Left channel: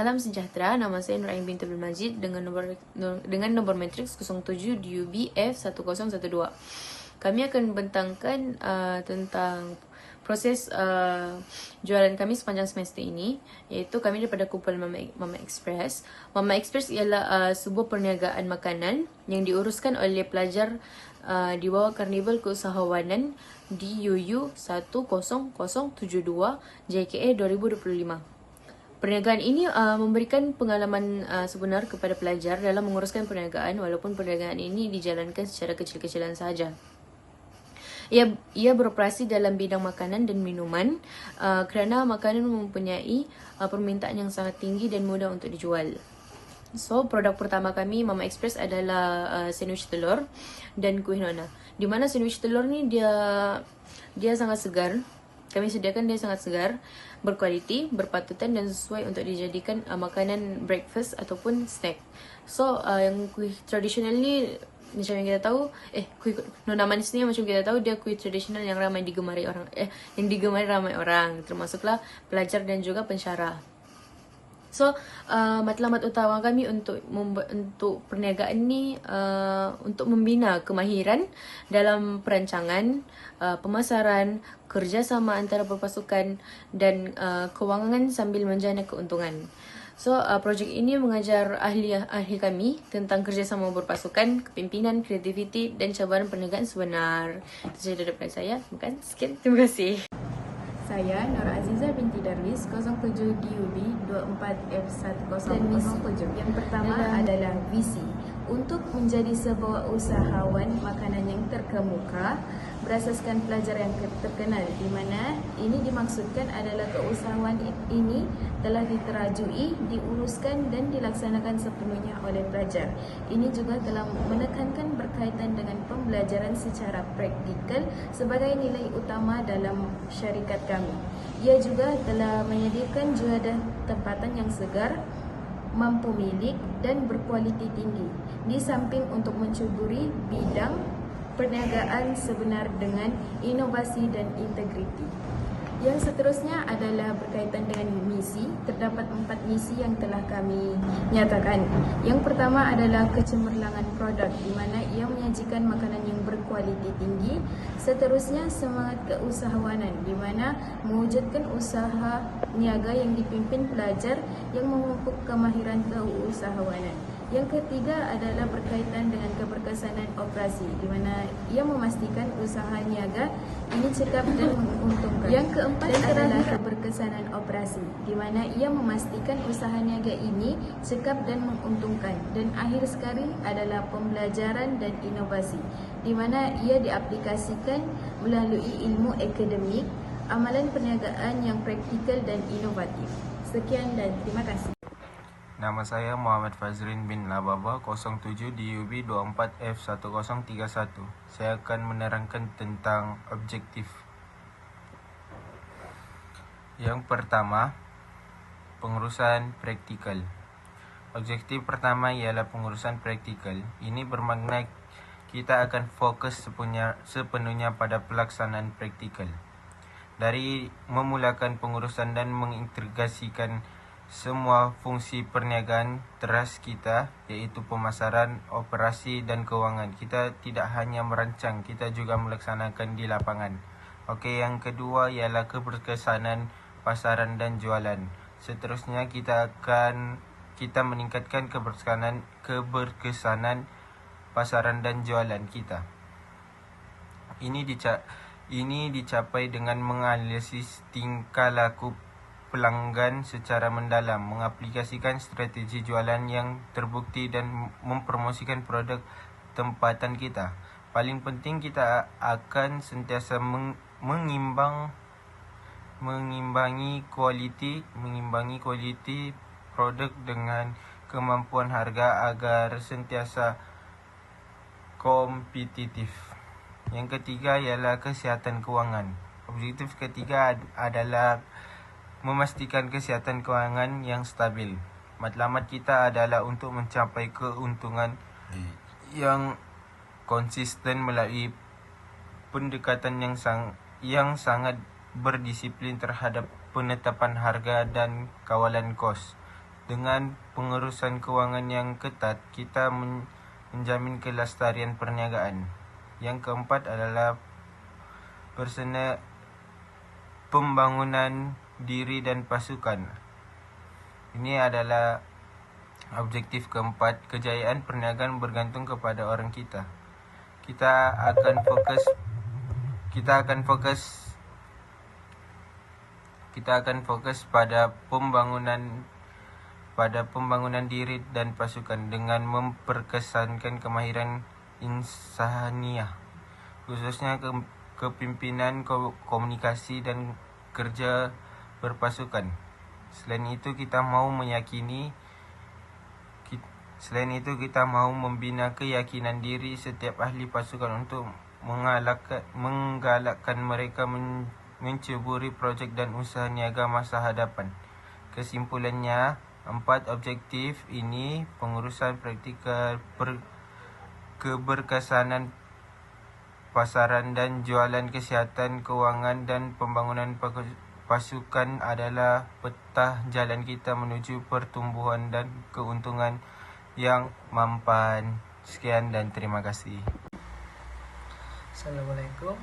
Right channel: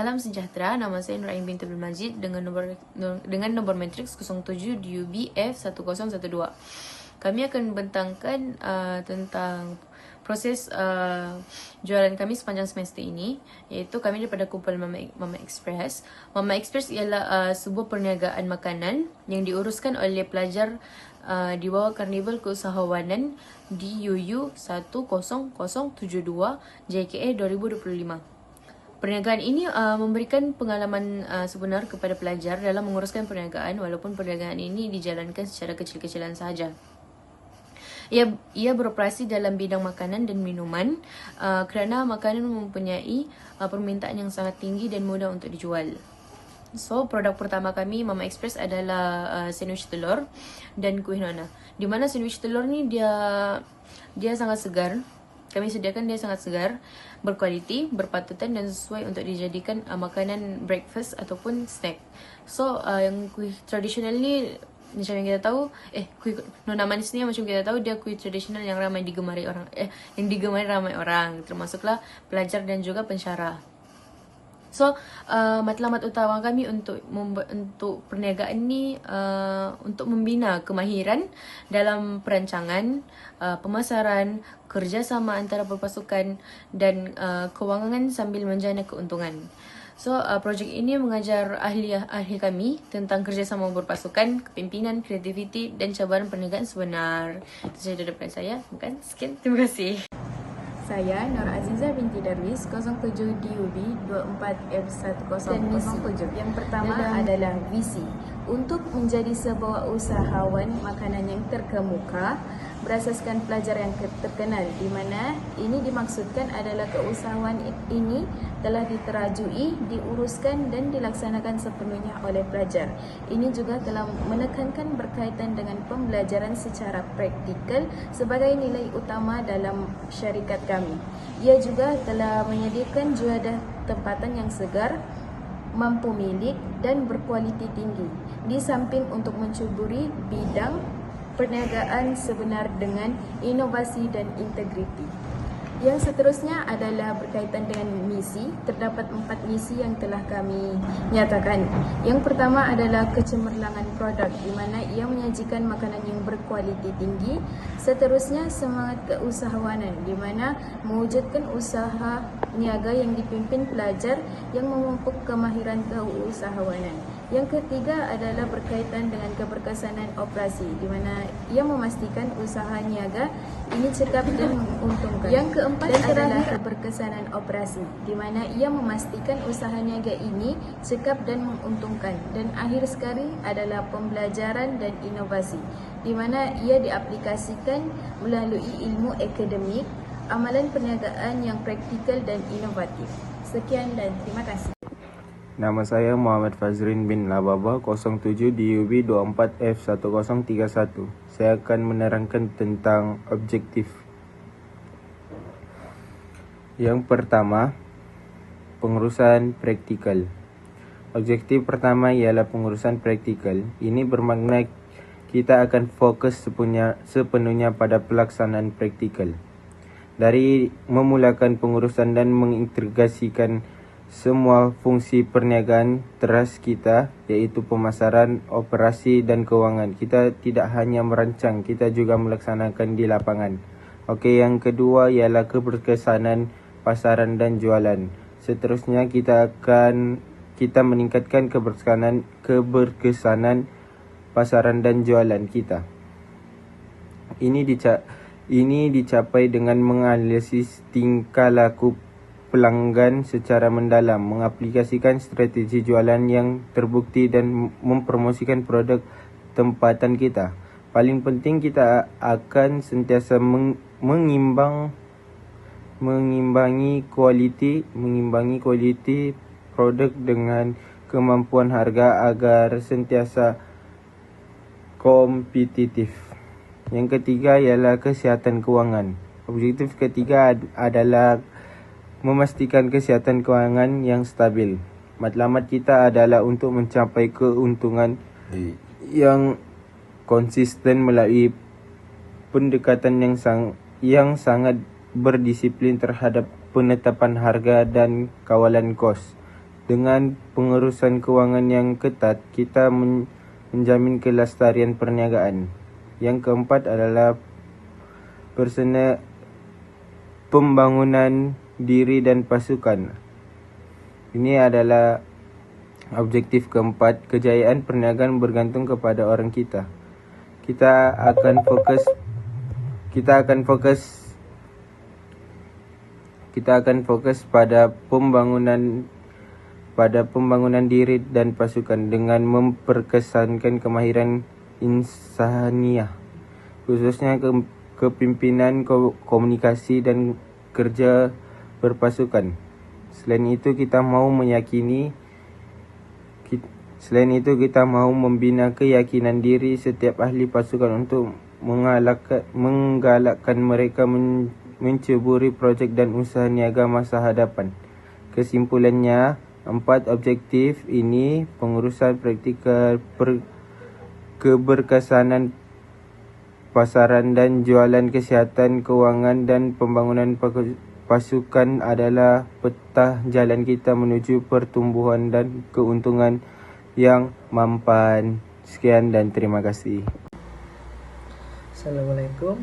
Salam sejahtera, nama saya Nur Ain binti Abdul Majid dengan nombor matriks 07 DUB F1012. Kami akan membentangkan tentang proses jualan kami sepanjang semester ini, iaitu kami daripada kumpulan Mama Express. Mama Express ialah sebuah perniagaan makanan yang diuruskan oleh pelajar di bawah Karnival Keusahawanan DUU 10072 JKA 2025. Perniagaan ini memberikan pengalaman sebenar kepada pelajar dalam menguruskan perniagaan, walaupun perniagaan ini dijalankan secara kecil-kecilan sahaja. Ia beroperasi dalam bidang makanan dan minuman kerana makanan mempunyai permintaan yang sangat tinggi dan mudah untuk dijual. So, produk pertama kami Mama Express adalah sandwich telur dan kuih nona. Di mana sandwich telur ni dia sangat segar. Kami sediakan dia sangat segar, berkualiti, berpatutan dan sesuai untuk dijadikan makanan breakfast ataupun snack. So, yang kuih tradisional ni macam yang kita tahu, kuih nona manis ni macam kita tahu dia kuih tradisional yang ramai digemari orang, yang digemari ramai orang, termasuklah pelajar dan juga pensyarah. So, matlamat utama kami untuk perniagaan ni untuk membina kemahiran dalam perancangan, pemasaran, kerjasama antara perpasukan dan kewangan sambil menjana keuntungan. So, projek ini mengajar ahli kami tentang kerjasama berpasukan, kepimpinan, kreativiti dan cabaran perniagaan sebenar. Itu sahaja daripada saya. Sekian, terima kasih. Saya Nur Azizah binti Darwis 07 DUB 24F1007. Yang pertama adalah visi untuk menjadi sebuah usahawan makanan yang terkemuka berasaskan pelajar yang terkenal, di mana ini dimaksudkan adalah keusahawan ini telah diterajui, diuruskan dan dilaksanakan sepenuhnya oleh pelajar. Ini juga telah menekankan berkaitan dengan pembelajaran secara praktikal sebagai nilai utama dalam syarikat kami. Ia juga telah menyediakan juadah tempatan yang segar, mampu milik dan berkualiti tinggi, di samping untuk mencuburi bidang perniagaan sebenar dengan inovasi dan integriti. Yang seterusnya adalah berkaitan dengan misi. Terdapat 4 misi yang telah kami nyatakan. Yang pertama adalah kecemerlangan produk, di mana ia menyajikan makanan yang berkualiti tinggi. Seterusnya semangat keusahawanan, di mana mewujudkan usaha niaga yang dipimpin pelajar yang memupuk kemahiran keusahawanan. Yang ketiga adalah berkaitan dengan keberkesanan operasi, di mana ia memastikan usaha niaga ini cekap dan menguntungkan. Yang keempat adalah keberkesanan operasi, di mana ia memastikan usaha niaga ini cekap dan menguntungkan. Dan akhir sekali adalah pembelajaran dan inovasi, di mana ia diaplikasikan melalui ilmu akademik, amalan perniagaan yang praktikal dan inovatif. Sekian dan terima kasih. Nama saya Muhammad Fazrin bin Lababa 07 DUB 24F1031. Saya akan menerangkan tentang objektif. Yang pertama, pengurusan praktikal. Objektif pertama ialah pengurusan praktikal. Ini bermakna kita akan fokus sepenuhnya pada pelaksanaan praktikal. Dari memulakan pengurusan dan mengintegrasikan semua fungsi perniagaan teras kita, iaitu pemasaran, operasi dan kewangan. Kita tidak hanya merancang, kita juga melaksanakan di lapangan. Okey, yang kedua ialah keberkesanan pasaran dan jualan. Seterusnya kita meningkatkan keberkesanan pasaran dan jualan kita. Ini dicapai dengan menganalisis tingkah laku pelanggan secara mendalam, mengaplikasikan strategi jualan yang terbukti dan mempromosikan produk tempatan kita. Paling penting, kita akan sentiasa mengimbangi kualiti produk dengan kemampuan harga agar sentiasa kompetitif. Yang ketiga ialah kesihatan kewangan. Objektif ketiga adalah memastikan kesihatan kewangan yang stabil. Matlamat kita adalah untuk mencapai keuntungan yang konsisten melalui pendekatan yang sangat berdisiplin terhadap penetapan harga dan kawalan kos. Dengan pengurusan kewangan yang ketat, kita menjamin kelestarian perniagaan. Yang keempat adalah pembangunan diri dan pasukan. Ini adalah objektif keempat. Kejayaan perniagaan bergantung kepada orang kita. Kita akan fokus pada pembangunan diri dan pasukan dengan memperkesankan kemahiran insaniah, khususnya kepimpinan, komunikasi, dan kerja berpasukan. Selain itu kita mau membina keyakinan diri setiap ahli pasukan untuk menggalakkan mereka menceburi projek dan usaha niaga masa hadapan. Kesimpulannya, 4 objektif ini, pengurusan praktikal, keberkesanan pasaran dan jualan, kesihatan kewangan, dan pembangunan pasukan adalah peta jalan kita menuju pertumbuhan dan keuntungan yang mampan. Sekian dan terima kasih. Assalamualaikum.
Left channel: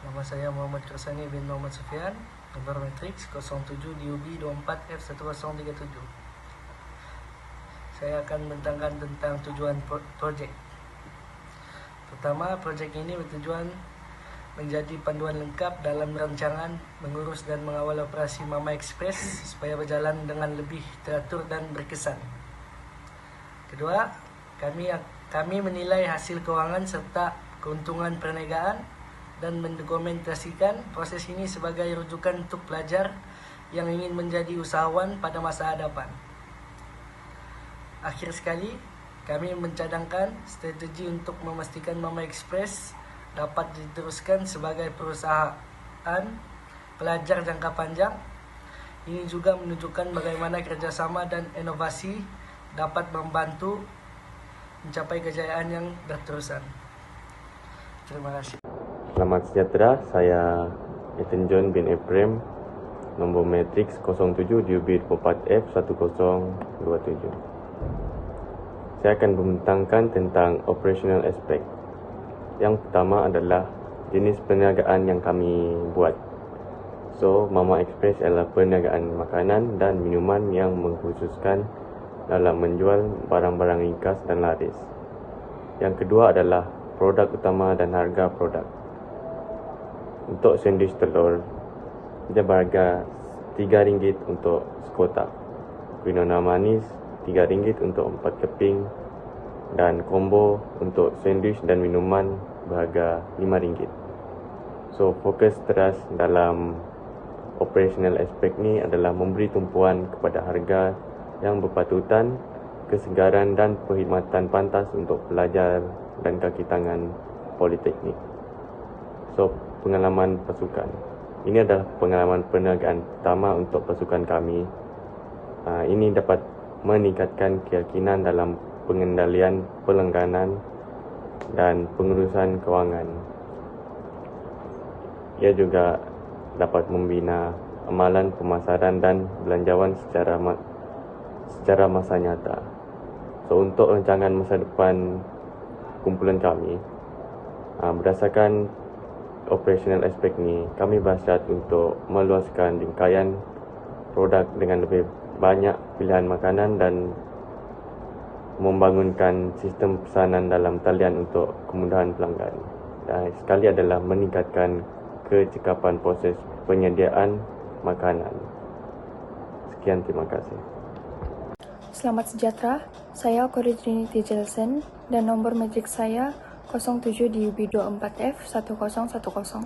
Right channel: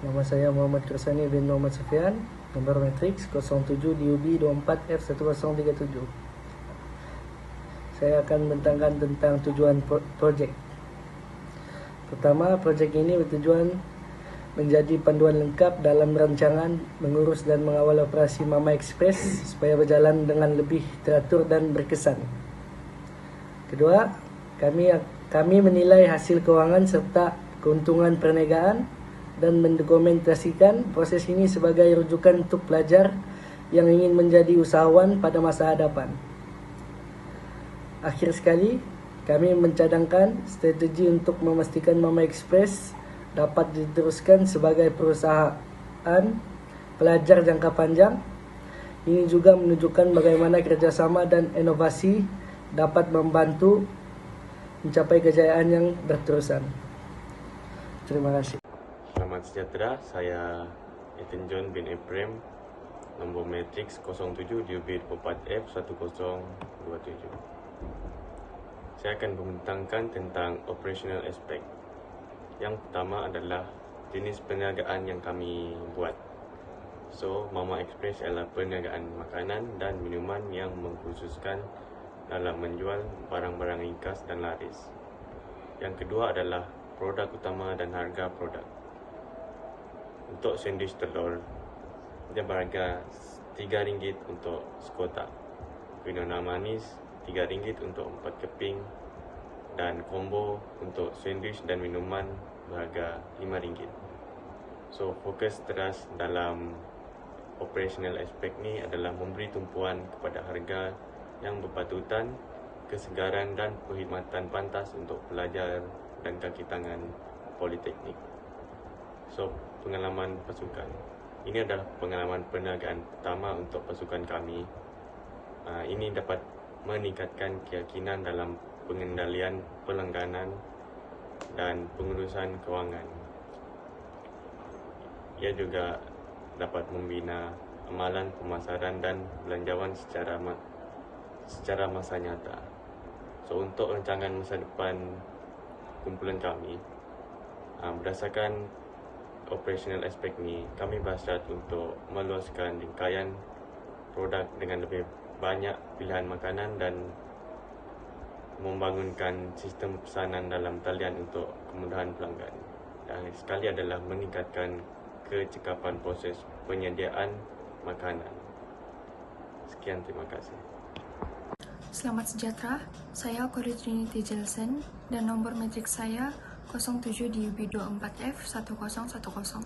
Nama saya Muhammad Kersani bin Muhammad Sufian, nomor matriks 07DUB24F1037. Saya akan membentangkan tentang tujuan projek. Pertama, projek ini bertujuan menjadi panduan lengkap dalam rancangan, mengurus dan mengawal operasi Mama Express supaya berjalan dengan lebih teratur dan berkesan. Kedua, kami menilai hasil keuangan serta keuntungan perniagaan dan mendokumentasikan proses ini sebagai rujukan untuk pelajar yang ingin menjadi usahawan pada masa hadapan. Akhir sekali, kami mencadangkan strategi untuk memastikan Mama Express dapat diteruskan sebagai perusahaan pelajar jangka panjang. Ini juga menunjukkan bagaimana kerjasama dan inovasi dapat membantu mencapai kejayaan yang berterusan. Terima kasih. Selamat sejahtera, saya Ethan John bin Ephraim, nombor matriks 07DUB24F1027. Saya akan membentangkan tentang operational aspect. Yang pertama adalah jenis perniagaan yang kami buat. So, Mama Express adalah perniagaan makanan dan minuman yang mengkhususkan dalam menjual barang-barang ringkas dan laris. Yang kedua adalah produk utama dan harga produk. Untuk sandwich telur, dia berharga RM3 untuk sekotak. Quinoa manis RM3 untuk 4 keping, dan combo untuk sandwich dan minuman berharga RM5. So, fokus teras dalam operational aspect ni adalah memberi tumpuan kepada harga yang berpatutan, kesegaran dan perkhidmatan pantas untuk pelajar dan kaki tangan politeknik. So, pengalaman pasukan. Ini adalah pengalaman perniagaan pertama untuk pasukan kami. Ini dapat meningkatkan keyakinan dalam pengendalian pelangganan dan pengurusan kewangan. Ia juga dapat membina amalan pemasaran dan belanjawan secara masa nyata. So, untuk rancangan masa depan kumpulan kami, berdasarkan operational aspect ni, kami berhasrat untuk meluaskan rangkaian produk dengan lebih banyak pilihan makanan dan membangunkan sistem pesanan dalam talian untuk kemudahan pelanggan. Dan sekali adalah meningkatkan kecekapan proses penyediaan makanan. Sekian, terima kasih. Selamat sejahtera, saya Corey Trinity Jelson dan nomor matriks saya 07DUB24F1010.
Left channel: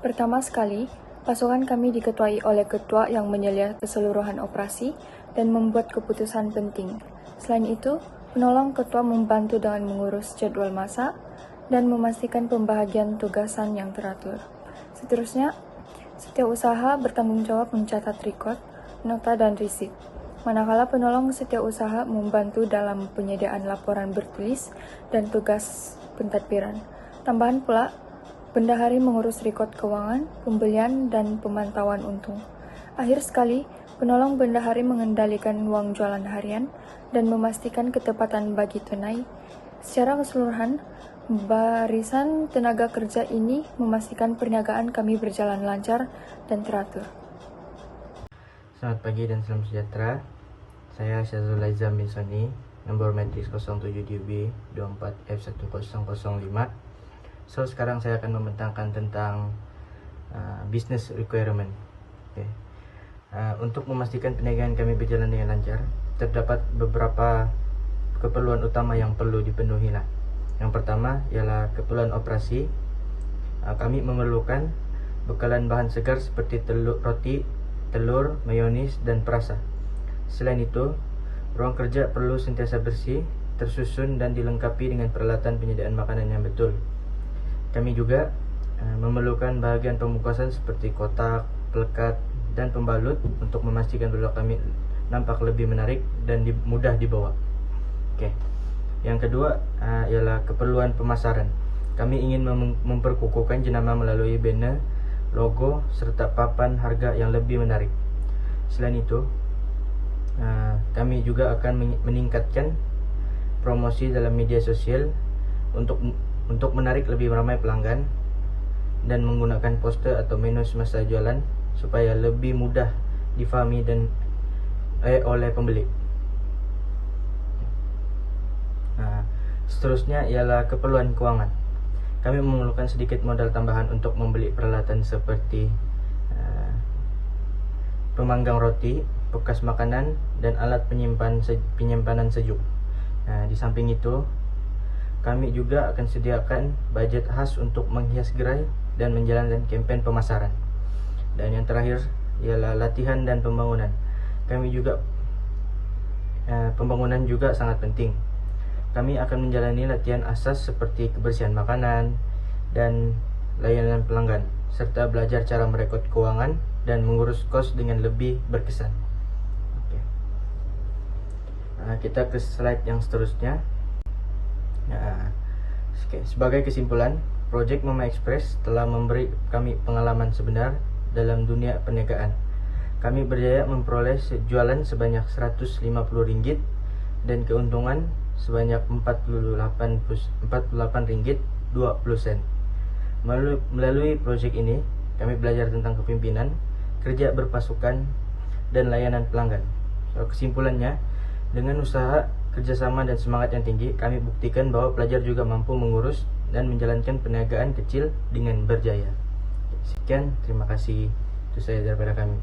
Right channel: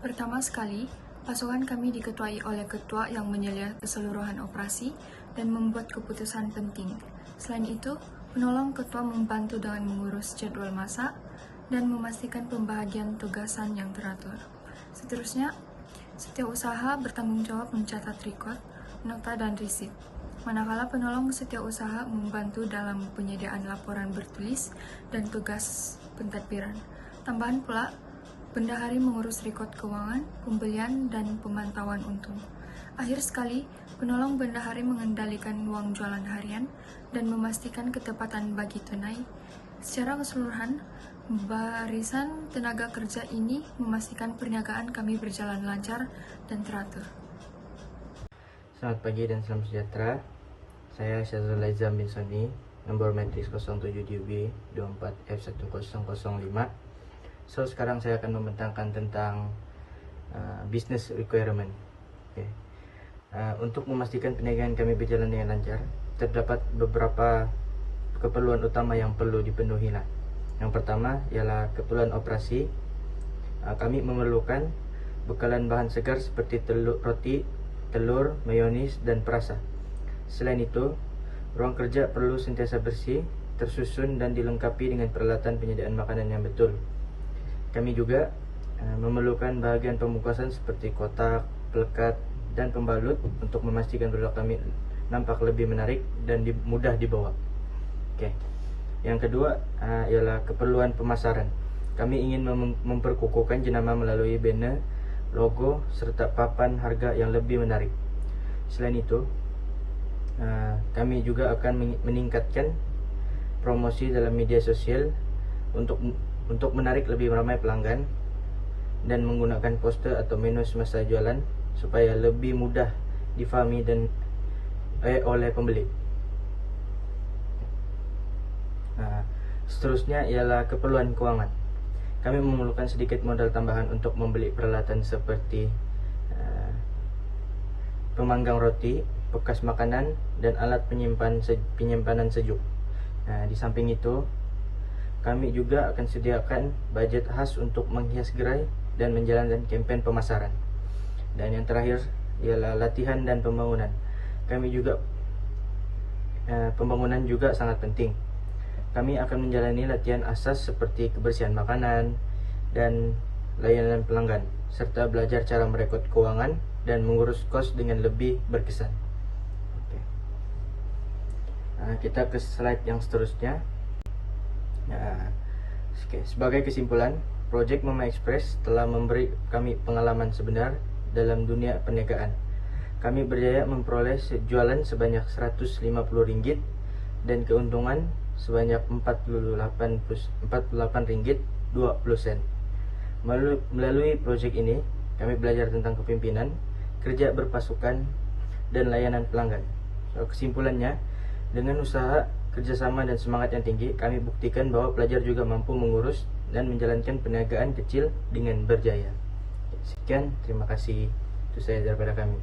Pertama sekali, pasukan kami diketuai oleh ketua yang menyelia keseluruhan operasi dan membuat keputusan penting. Selain itu, penolong ketua membantu dengan mengurus jadwal masa dan memastikan pembagian tugasan yang teratur. Seterusnya, setiap usaha bertanggung jawab mencatat rekod, nota, dan risit. Manakala penolong setiap usaha membantu dalam penyediaan laporan bertulis dan tugas pentadbiran. Tambahan pula, bendahari mengurus rekod keuangan, pembelian, dan pemantauan untung. Akhir sekali, Penolong bendahari mengendalikan uang jualan harian dan memastikan ketepatan bagi tunai. Secara keseluruhan, barisan tenaga kerja ini memastikan perniagaan kami berjalan lancar dan teratur. Selamat pagi dan salam sejahtera. Saya Syazul Aizam bin Soni, nomor matriks 07DUB 24F1005. So, sekarang saya akan membentangkan tentang business requirement. Okay. Untuk memastikan perniagaan kami berjalan dengan lancar, terdapat beberapa keperluan utama yang perlu dipenuhi lah. Yang pertama ialah keperluan operasi. Kami memerlukan bekalan bahan segar seperti roti, telur, mayonis, dan perasa. Selain itu, ruang kerja perlu sentiasa bersih, tersusun dan dilengkapi dengan peralatan penyediaan makanan yang betul. Kami juga memerlukan bahagian pembungkusan seperti kotak, pelekat, dan pembalut untuk memastikan produk kami nampak lebih menarik dan mudah dibawa. Okay. Yang kedua ialah keperluan pemasaran. Kami ingin memperkukuhkan jenama melalui banner, logo, serta papan harga yang lebih menarik. Selain itu, kami juga akan meningkatkan promosi dalam media sosial untuk menarik lebih ramai pelanggan dan menggunakan poster atau menu semasa jualan supaya lebih mudah difahami dan oleh pembeli. Seterusnya ialah keperluan keuangan. Kami memerlukan sedikit modal tambahan untuk membeli peralatan seperti pemanggang roti, bekas makanan, dan alat penyimpanan sejuk. Di samping itu, kami juga akan sediakan budget khas untuk menghias gerai dan menjalankan kampanye pemasaran. Dan yang terakhir ialah latihan dan pembangunan. Pembangunan juga sangat penting. Kami akan menjalani latihan asas seperti kebersihan makanan dan layanan pelanggan, serta belajar cara merekod keuangan dan mengurus kos dengan lebih berkesan. Okay. Kita ke slide yang seterusnya. Sebagai kesimpulan, Project Mama Express telah memberi kami pengalaman sebenar dalam dunia perniagaan. Kami berjaya memperoleh jualan sebanyak Rp150 dan keuntungan sebanyak Rp48.20. Melalui proyek ini, kami belajar tentang kepemimpinan, kerja berpasukan, dan layanan pelanggan. Kesimpulannya, dengan usaha, kerjasama, dan semangat yang tinggi, kami buktikan bahwa pelajar juga mampu mengurus dan menjalankan perniagaan kecil dengan berjaya. Sekian, terima kasih. Itu saya daripada kami.